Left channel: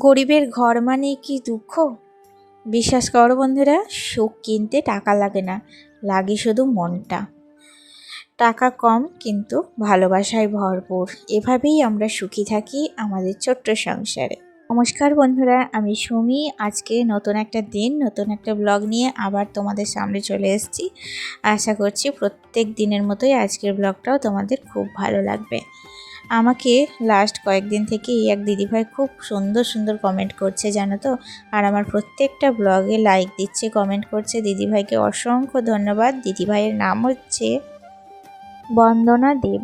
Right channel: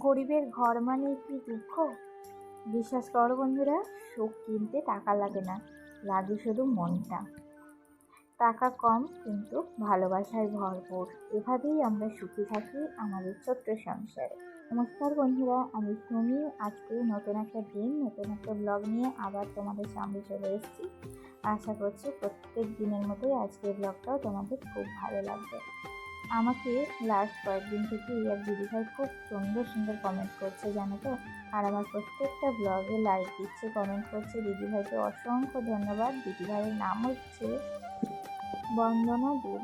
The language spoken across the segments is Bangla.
গরিবের ঘর মানে কি দুঃখ? বিশ্বাস করো বন্ধুরা, সুখ কিনতে টাকা লাগে না, লাগে শুধু মনটা। টাকা কম কিন্তু ভালোবাসায় ভরপুর। এভাবেই আমরা সুখী থাকি আমাদের ছোট্ট সংসারে। নমস্কার বন্ধুরা, আমি সুমি। আজকে নতুন একটা দিন, নতুন একটা ব্লগ নিয়ে আবার তোমাদের সামনে চলে এসেছি। আশা করছি প্রত্যেক দিনের মতোই আজকের ব্লগটাও তোমাদের খুব ভালো লাগবে। আমাকে লাস্ট কয়েকদিন থেকেই এক দিদিভাই খুব সুন্দর সুন্দর কমেন্ট করছে, জানো তো। আর আমার প্রত্যেকটা ব্লগে লাইক দিচ্ছে, কমেন্ট করছে। দিদিভাইকে অসংখ্য ধন্যবাদ। দিদিভাইয়ের নাম হচ্ছে বন্দনা দেব।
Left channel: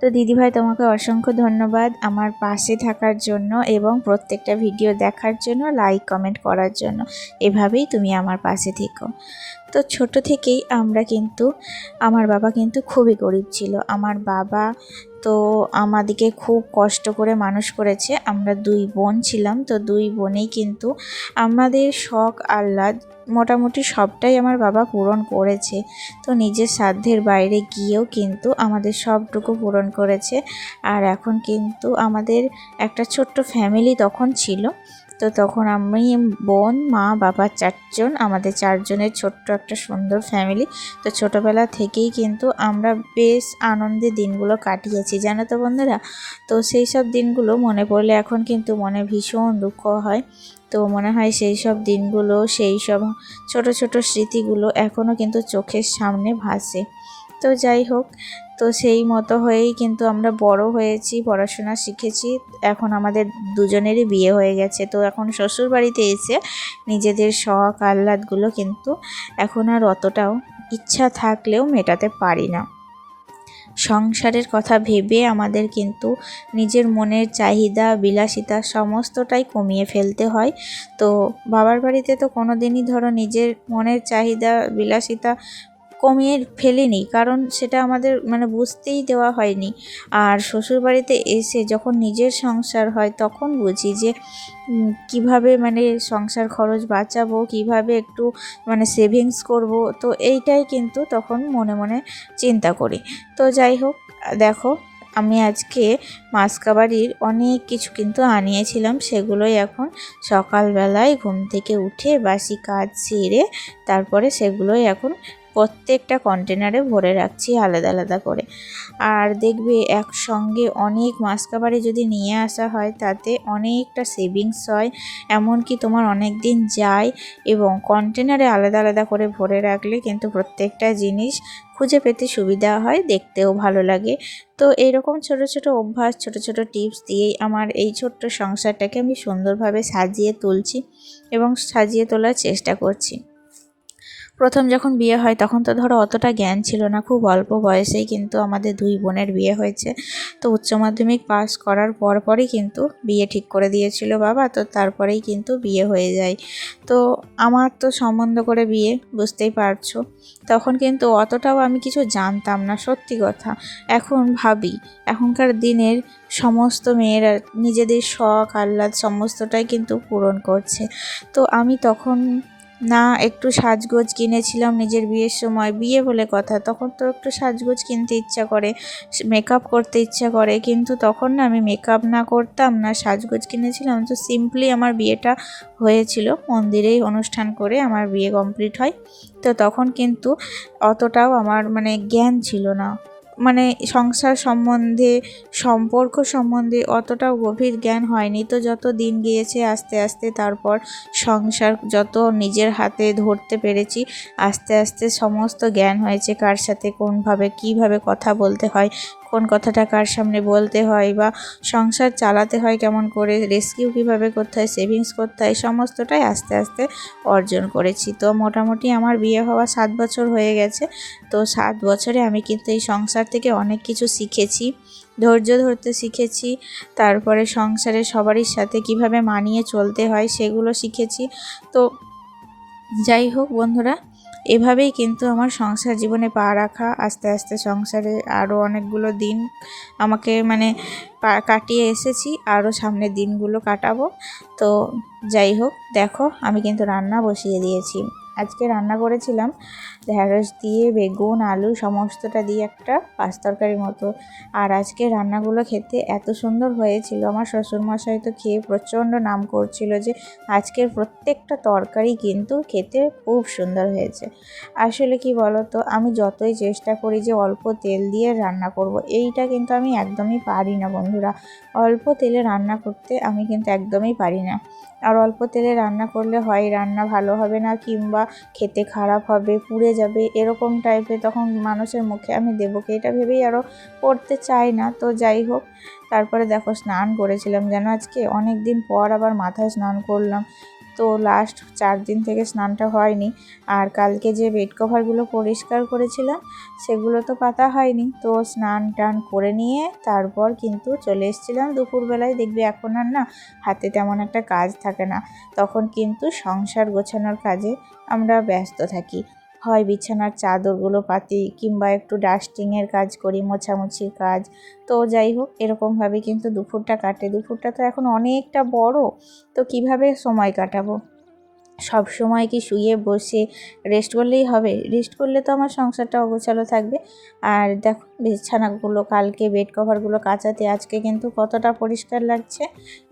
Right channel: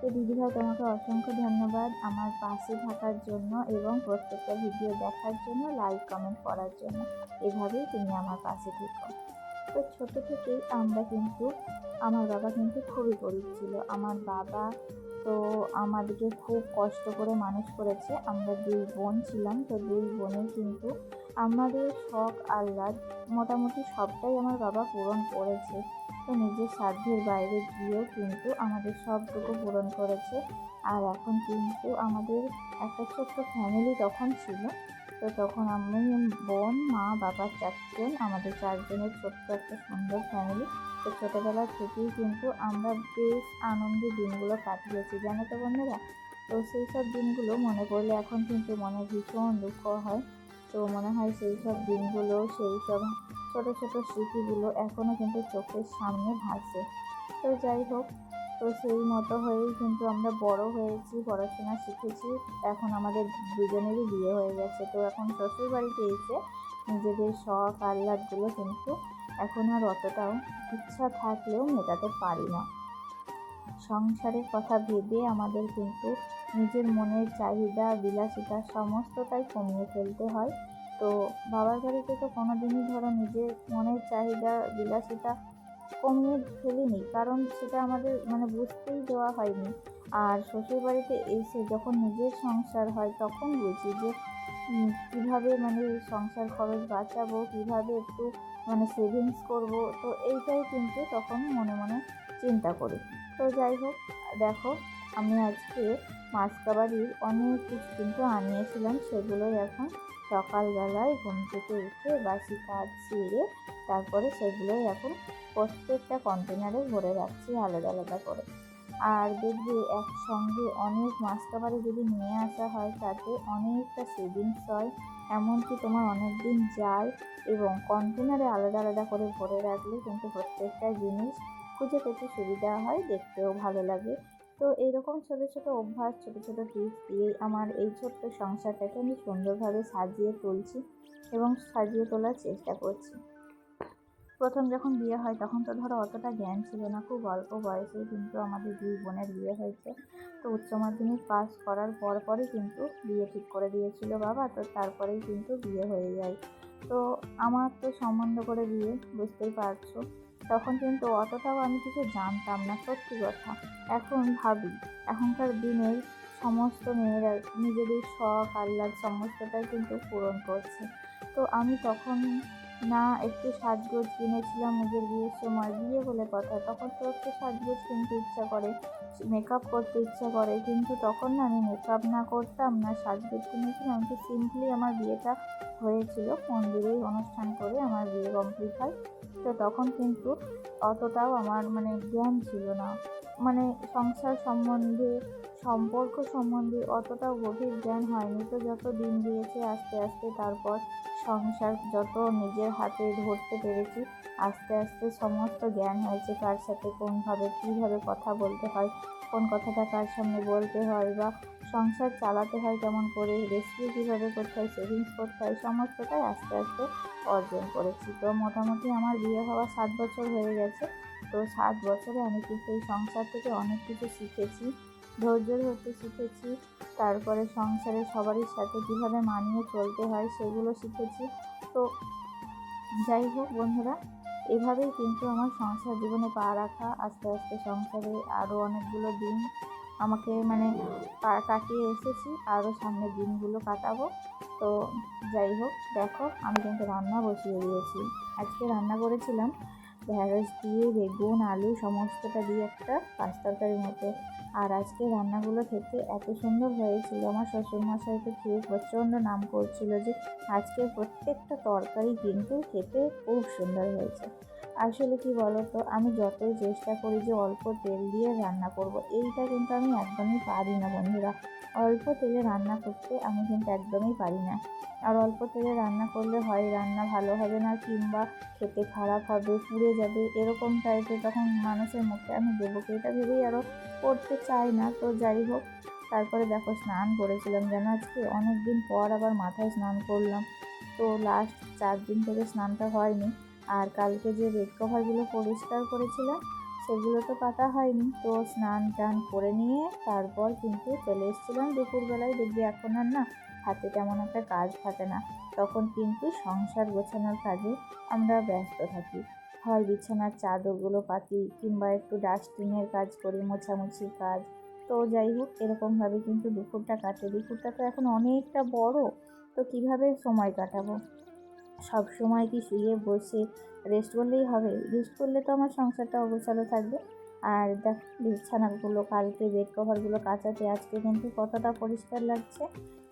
তো দিদিভাই, তোমাকে অসংখ্য ধন্যবাদ আমার পাশে থাকার জন্য এবং প্রত্যেকটা ভিডিও দেখার জন্য, লাইক কমেন্ট করার জন্য। এভাবেই তুমি আমার পাশে থেকো। তো ছোট থেকেই আমরা কিন্তু, আমার বাবা কিন্তু খুবই গরিব ছিল। আমার বাবা তো আমাদেরকে খুব কষ্ট করে মানুষ করেছে। আমরা দুই বোন ছিলাম, তো দুই বোনেই কিন্তু আমাদের শখ আহ্লাদ মোটামুটি সবটাই আমার বাবা পূরণ করেছে। তো নিজের সাধ্যের বাইরে গিয়েও কিন্তু আমাদের সবটুকু পূরণ করেছে। আর এখন কিন্তু আমাদের একটা ছোট্ট ফ্যামিলি তখন ছিল। তো তখন আমি, বোন, মা, বাবা, চারজন, আমাদের চারজনের ছোট্ট একটা সুন্দর ফ্যামিলি। তো ছোটোবেলা থেকেই কিন্তু আমরা বেশ আনন্দে দিনগুলো কাটিয়েছি, জানো তো বন্ধুরা। তো সেই সব দিনগুলো মনে পড়লে এখন কিন্তু মনে ভীষণ দুঃখ হয়। তো মনে হয় সেই সব দিনগুলো, সেই সব ছোট ছোট স্মৃতিগুলো এখনও কিন্তু চোখের সামনে ভাসে। তো যাই হোক, তো সেই মতো হয়েই কিন্তু আমরা বড় হয়েছি, পড়াশোনা শিখেছি। এখন আমাদের দুজনেরই বিয়ে হয়ে গেছে। তো এখন শ্বশুর বাড়িতে এসে নিজেদের শখ আহ্লাদগুলো কিন্তু এখন আর অতটাও ইচ্ছা থাকলেও মেটাতে পারি না। সংসারের কথা ভেবে আমাদের কিন্তু নিজের মনের চাহিদা, বিলাসিতা সমস্তটাই কমিয়ে ফেলতে হয়। তো বাবার বাড়িতে তো কোনো দিনই ধরো নিজের মনের চাহিদা, বিলাসিতা কমিয়ে ফেলিনি, কারণ সেটা আমাদের বুঝতেই দেওয়া হয়নি। আর শ্বশুরবাড়িতে এসে যখন নিজের সংসার হয় তখন বুঝি যে কিভাবে সংসার খরচ বাঁচাবো, কিভাবে একটু সেভিংস করব। তো এইটাই কিন্তু তখন মনে মনে চিন্তা করি। তো যাই হোক, দেখো, আমি আজকে মাসকাবাড়ির অনেক কিছু কিন্তু আনিয়েছিলাম। সেগুলোই এখন সকালবেলায় ঘুম থেকে উঠে বাসি কাজ সেরে তারপরে সেগুলোই এখন প্রত্যেকটা কন্টেনারে ভরে রাখছি আলাদা আলাদা করে। আর দেখবে একসঙ্গে অনেক মাসকাবারি যদি নিয়ে আসা হয় তাতে অনেকটা সেভিংস হয়, এমনকি তোমার অনেক দিন যায়। এবং কন্টেনারে আলাদা আলাদা করে ভরে রাখলে কিন্তু প্রত্যেকটা জিনিস খুঁজে পেতে সুবিধা হয়, দেখতেও ভালো লাগে। তো এইরকম ছোট ছোট অভ্যাস, ছোট ছোট টিপস দিয়েই আমার এই ছোট্ট সংসারটাকে আমি সুন্দরভাবে সাজিয়ে তুলছি এবং সাজিয়ে তোলার চেষ্টা করছি। প্রথম যখন বিয়ে হয় তখন তো ধরো অতটা জ্ঞান ছিল না, খুব অল্প বয়সেই কিন্তু আমাদের দুই বোনের বিয়ে হয়েছে। তো উচ্চ মাধ্যমিক পাস করার পরই কিন্তু বিয়ে ঠিক করে দিয়েছিল বাবা। তো তারপরেই কিন্তু বিয়ে হয়ে যায়। তো আমার তো সম্বন্ধ করে বিয়ে, বুঝতেই পারছো। তখন কিন্তু অতটাও আমি কিছু জানতাম না, সত্যি কথা। এখন ভাবি, এখনকার দিনের সমস্ত মেয়েরা নিজেদের শখ আহ্লাদ সমস্তটাই কিন্তু পূরণ করছে। তো আমি তখন না একটু সাজগোজ কিনেছিলাম নিজের বিয়ের সময়। বিয়ে বলে কথা, তখন তো একটু সাজগোজ কিনতে ইচ্ছা করে, মেকআপ করতে ইচ্ছা করে, কিন্তু তখন না আমি মেকআপ না করতাম না সাজগোজ কিনেছিলাম। তো সিম্পলি আমার বিয়েটা হয়েছিল, মন্দিরেই অনুষ্ঠান করে আমার বিয়ে কমপ্লিট হয়। তো তখন কিন্তু অতটাও আমার জ্ঞান ছিল না, সংসার সম্বন্ধে, সম্পর্ক সম্বন্ধে অতটাও গভীর জ্ঞান হয়নি। তো যত দিন গিয়েছে আস্তে আস্তে, তারপর সংসার যত নিজের হাতে ধরতে পেরেছি, আস্তে আস্তে সমস্ত জ্ঞান হয়েছে। কার সাথে কোনভাবে কীভাবে কথা বলতে হয়, কোন কথাটা কার সামনে বলতে হয়, বা সংসার চালাতে হয় কেমন করে, রেস্কিউ কীভাবে করতে হয়, সেভিংস করতে হয়, সমস্তটাই আস্তে আস্তে অর্জন করেছি। তো মোটামুটি আমার বিয়ে হওয়া 7 বছর হয়ে গেছে। তো 7 বছরে আমি কিন্তু এই সংসার থেকে অনেক কিছু শিখেছি, ধৈর্য ধরতে শিখেছি। তারপরে সংসারে সবারই সাথে কিভাবে মানিয়ে চলতে হয় সেগুলো শিখেছি। তো যাই হোক বন্ধুরা, এভাবেই কিন্তু আমার সংসার জীবনে পা রাখা। আস্তে আস্তে সংসারে আরও অনেকগুলো দিন আমাকে কাটিয়ে এসেছি, আরও সামনের দিনগুলো কাটাবো। তো যাই হোক, দেখো আমি কিন্তু রান্না বসিয়ে দিয়েছি। আজকে রান্না করেছিলাম ঢ্যাঁড়স দিয়ে বেগুন আলু সমস্তটা দিয়ে একটা পাঁচ তরকারির মতো। আর আজকে রান্নাগুলো খেতে এত সুন্দর হয়েছিল, আমার শ্বশুরমশাই তো খেয়ে প্রচণ্ড নাম করছিল যে আজকের প্রত্যেকটা তরকারি কিন্তু খেতে খুব সুন্দর হয়েছে। আসলে কি বলো তো, আমি যতই চেষ্টা করি যে অল্প তেল দিয়ে রান্না করব, এইটা কিন্তু আমি একদমই পারি না বন্ধুরা। অল্প তেলে রান্না করতে আমি কিন্তু একদমই পারি না। আর অল্প তেলে রান্না করলে হয় রান্না ভালো হবে না, কিংবা খেতে খারাপ হবে, পুড়ে যাবে, এরকম টাইপের তখন মানুষের মুখে আমি দেবো কি, এটা ভেবেই আরও করতে চাই না। তো যাই হোক, তারপরে দেখো স্নান করেছিলাম যেন আজকে অনেক দিন পর আবার মাথায় স্নান করলাম। তো লাস্ট 4 দিন থেকে স্নানটা হয়নি। আর কালকে যে বেড কভারগুলো পরিষ্কার করেছিলাম সেগুলো তো পাতা হয়নি। তো স্নান টান করে নিয়ে তারপর কিন্তু চলে এসেছিলাম দুপুরবেলায়। দেখবি এখন আর না হাতে তেমন একটা কাজ থাকে না, তখন কিন্তু সংসার গোছানোর কাজে আমরা ব্যস্ত থাকি। হয় বিছানার চাদরগুলো পাতি, কিংবা একটু ডাস্টিংয়ের কাজ করি, মোছামুছির কাজ। তো যাই হোক, এরকমভাবে কিন্তু দুপুরটা কাটে। দুপুরটা তো এখন অনেকটা বড়, তো কিভাবে সময় কাটাবো? সব সময় কি শুয়ে বসে রেস্ট করলেই হবে? রেস্ট করলে তো আমার সংসারটা অগোছালো থাকবে। আর দেখো বিছানাগুলো, কালকে বেড কভারগুলো কাচাতে আজকে কিন্তু কতটা পরিষ্কার লাগছে।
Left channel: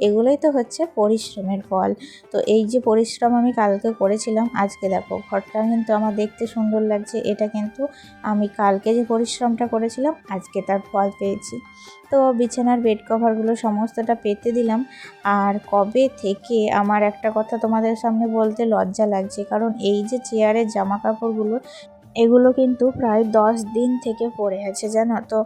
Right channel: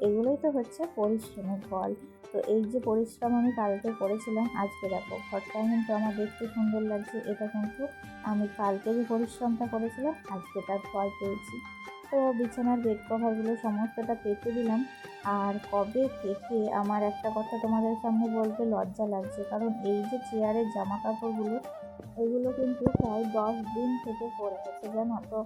এগুলোই তো হচ্ছে পরিশ্রমের ফল। তো এই যে পরিশ্রম আমি কালকে করেছিলাম, আজকে দেখো ঘরটা কিন্তু আমার দেখতে সুন্দর লাগছে। এটা কিন্তু আমি কালকে যে পরিশ্রমটা করেছিলাম আজকে তার ফল পেয়েছি। তো বিছানার বেড কভারগুলো সমস্তটা পেতে দিলাম। আর কবে থেকে আমার একটা কথা তোমাদের সামনে বলতে লজ্জা লাগছে, কারণ এই যে চেয়ারের জামা কাপড়গুলো, এগুলো কিন্তু প্রায় 10 দিন থেকে পড়ে আছে জানো তো।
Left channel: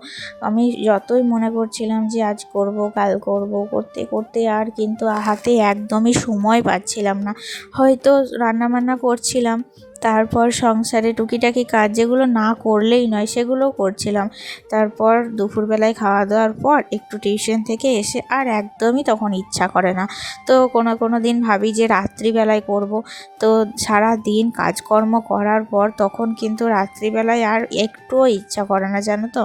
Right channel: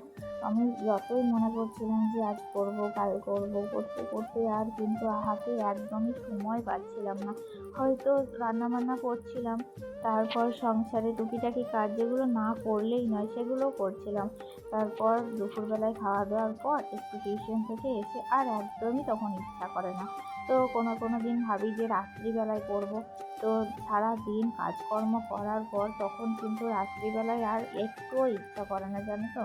আমি যতই মনে করছিলাম যে আজ করব কাল করব, করতে করতে আর কিন্তু হাতে একদমই সময় পাচ্ছিলাম না। হয়তো রান্নাবান্না করছিলাম, তারপর সংসারে টুকিটাকি কাজ যেগুলো না করলেই নয় সেগুলোও করছিলাম। তারপর দুপুরবেলায় খাওয়া দাওয়ার পর একটু টিউশন থেকে এসে আর একদমই তখন ইচ্ছা করে না। তো কোনো দিন ভাবি যে রাত্রিবেলায় করব। তো সারা দিন কাজকর্ম করার পর তখন কিন্তু রাত্রিবেলায় আর একটুও ইচ্ছা করে না জানো তো।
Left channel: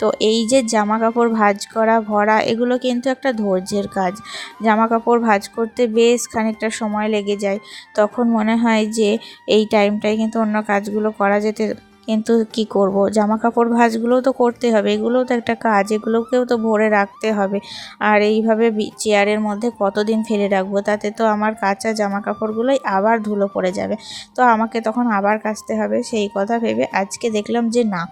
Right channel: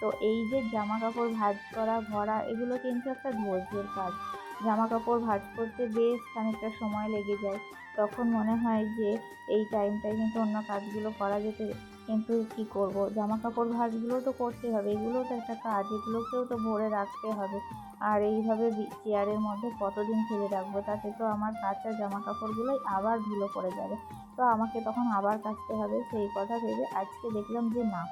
তো এই যে জামা কাপড় ভাঁজ করা ভরা, এগুলো কিন্তু একটা ধৈর্যের কাজ। জামা কাপড় ভাঁজ করতে বেশ খানিকটা সময় লেগে যায়। তখন মনে হয় যে এই টাইমটায় কিন্তু অন্য কাজগুলো করা যেতে, কিন্তু কি করব, জামা কাপড় ভাঁজগুলোও তো করতে হবে, এগুলোও তো একটা কাজ, এগুলোকেও তো ভরে রাখতে হবে। আর এইভাবে চেয়ারের মধ্যে কতদিন ফেলে রাখবো? তাতে তো আমার কাঁচা জামা কাপড়গুলোই আবার ধুলো পড়ে যাবে। তো আমাকে তখন আবার কাচতে হবে। সেই কথা ভেবে আজকে দেখলাম যে না,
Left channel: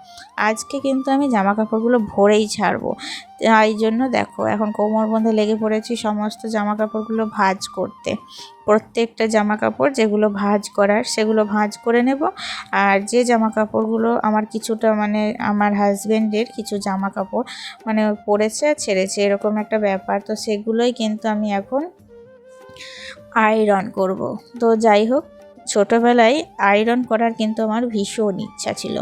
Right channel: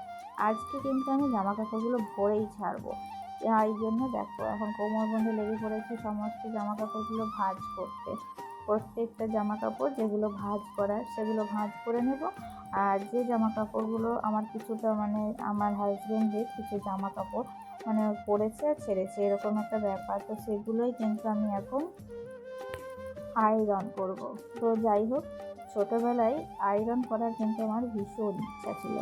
আজকে কিন্তু আমি জামা কাপড়গুলো ভরেই ছাড়বো। এই জন্য দেখো এখন কোমর বন্ধে লেগে পড়েছি সমস্ত জামা কাপড়গুলো ভাঁজ করতে। প্রত্যেকটা জামা কাপড় যেগুলো ভাঁজ করার সেগুলো ভাঁজ করে নেব। আর যে জামা কাপড়গুলো আমার কিছুটা মানে আমার হাজব্যান্ডের কিছু জামা কাপড় মানে পরেছে ছেড়েছে এরকম একটা ব্যাপার, তো সেগুলোই কিন্তু আমি এখন আয়রন করব। তো যাই হোক, ছোটোবেলায় আয়রন করার কিন্তু আমার ভীষণ ইচ্ছা ছিল।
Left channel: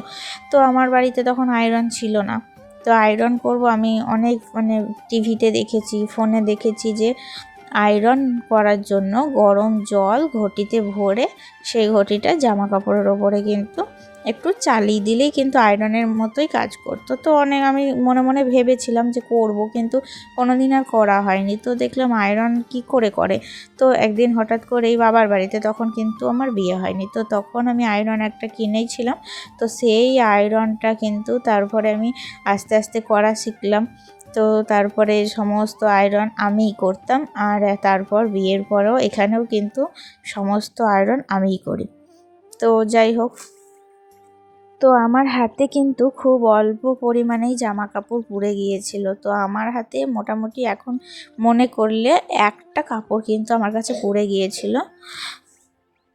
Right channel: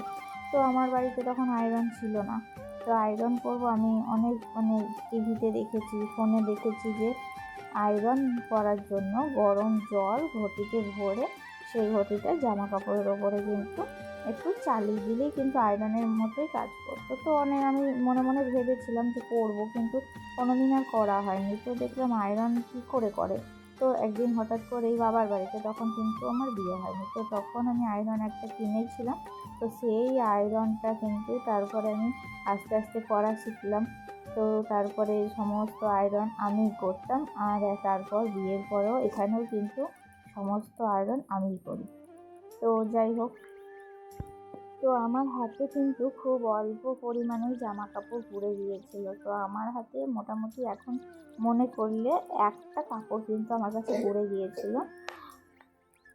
তো আমার বাড়িতে তখন আয়রন ছিল না। তো আয়রন করব আমি অনেক টিভিতে দেখেছি, ফোনে দেখেছি যে আয়রন করার জন্য গরম জল ঘটিতে ভরে সেই ঘটিটা জামা কাপড়ের ওপরে কিন্তু একটু চালিয়ে দিলেই কিন্তু আয়রনের মতোই কাজ করতো। তো অনেক আমি মনে মনে ভেবেছিলাম যে করব, কিন্তু কোনোদিন আর করা হয়নি। তো দেখলাম আয়রন কি করে করে। তো একদিন হঠাৎ করেই বাবার বাড়িতে, তখন কিন্তু আমার বিয়ে হয়নি, তো তখন আমি আয়রন একটা কিনেছিলাম। তো সেই আয়রনটা কিন্তু তারপরে আমি আস্তে আস্তে করা শিখলাম। তো তারপরে সমস্ত আয়রন আমিই করতাম। আর তারপর বিয়ের পরেও এখানেও কিন্তু সমস্ত আয়রন আমিই করি। তো যাই হোক, তো আমার হাতে কিন্তু খুব অল্প পরিমাণেই জামা কাপড় পুড়ে গিয়েছিল। তো আমার হাতে মোটামুটি এখন মনে করলে একটা কাপড় কিন্তু আমার কাছে পুড়ে গিয়েছিল।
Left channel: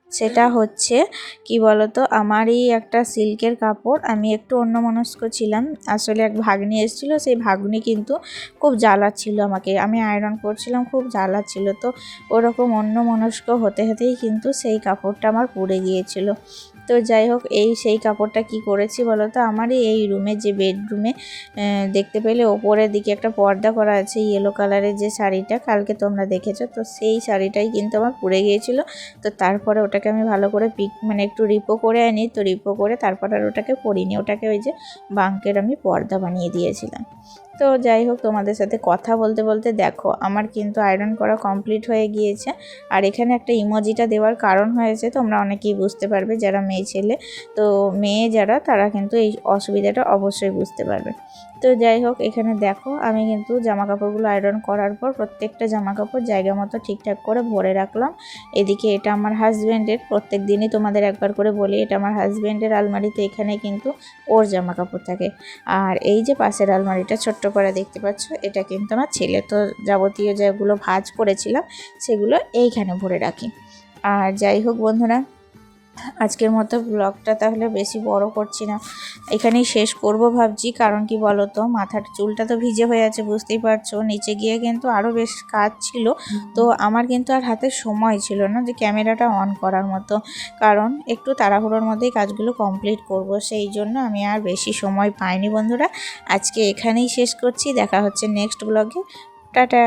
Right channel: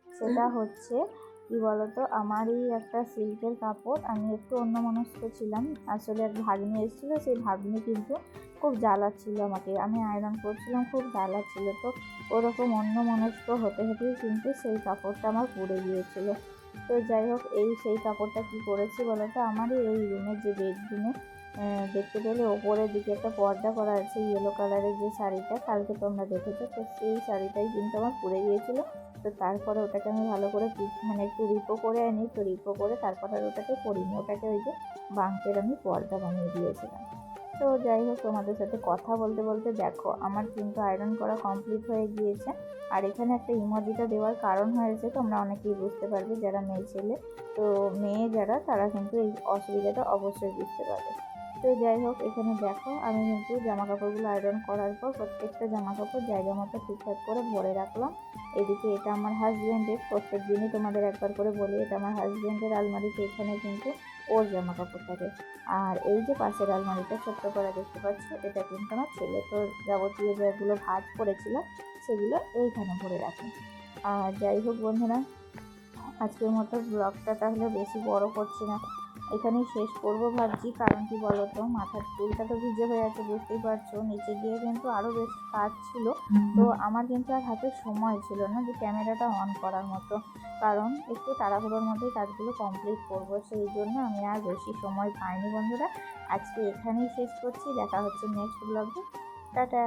সেটা হচ্ছে কি বলতো, আমারই একটা সিল্কের কাপড়, আমি একটু অন্যমনস্ক ছিলাম। আসলে এক ভাগ্নি এসেছিল, সেই ভাগ্নি কিন্তু খুব জ্বালাচ্ছিল আমাকে, আমি আয়রন করছিলাম খুব জ্বালাচ্ছিল। তো ওরকম অন্যমনস্ক হতে হতেই কিন্তু সেই কাপড়টা আমার পুড়ে গিয়েছিল। তো যাই হোক, সেই কাপড়টা কি করেছি বলো তো, আমারই এই রুমে, যে বেডরুমে দেখতে পেলে ওপরের দিকে একটা পর্দা করা আছে ইয়েলো কালারের, যে শাড়িটা কালকে তোমরা দেখেছো, তো সেই শাড়িটাই কিন্তু আমার পুড়ে গিয়েছিলো। তো তারপরে ওটাকে আমি ভালো করে একটু রিপো করে আনি, তো রিপো করে তারপর আর ওটাকে পরিনি, ওটাকে ওই যে বাঙ্কের আমি পর্দা বানিয়ে দিয়েছিলাম। তো যাই হোক, তোমাদের সাথে কথা বলতে বলতে দেখো আমার কিন্তু আয়রন করা কমপ্লিট হয়ে গিয়েছে। আর এখানে একটা ইমোজিটা দেওয়ার কারণ হয়েছে, তোমরা অনেকেই বুঝতে পারবে যারা মেয়ে ছেলে, তো মেয়ে যারা তারা কিন্তু এই অসুবিধাটা অবশ্যই বুঝতে পারবে। তো যাই হোক, এখানে দেখো আমি কিন্তু জামা কাপড়গুলো আয়রন করার পর প্রত্যেকটা জামা কাপড় জায়গা মতো ঠিকঠাক করে ভরে রাখলাম। এদিকে এটা আমার হাজব্যান্ডের, প্রত্যেক দিনই তোমাদের একবার করে বলি, এটা আমার হাজব্যান্ডের আলমারিতে, এখানে কিন্তু ওর জামা কাপড় থাকে। আর এই যে পাশের আলমারিটা ছোট্ট করে দেখতে পাচ্ছ, এটা কিন্তু আমার ছেলে, তো যাবতীয় যেগুলো ভাঁজ করেছিলাম সেগুলো এইখানে ভরে রাখি। আর যাই হোক বন্ধুরা, আজকের মতো ব্লগটা তাহলে বেশি বড় করছি না, এখানেই শেষ করব ভাবছি। কারণ কি বলো তো, মাথার চুলটা তো ভিজে হয়ে আছে, বুঝতেই পারছো, নিচে গিয়ে কিন্তু আরও বেশ কাজ ছিল। তো আমার কিন্তু আর হাতে সময় ছিল না যে ক্যামেরাটা অন করার মতো, কারণ একটু তাড়াহুড়োর মধ্যেই কাজগুলো কমপ্লিট করব, সেই জন্য আমি আর বেশি সময় পাইনি বন্ধুরা। আজকে এখানেই শেষ করছি, দেখা হচ্ছে নেক্সট ব্লগে। টাটা।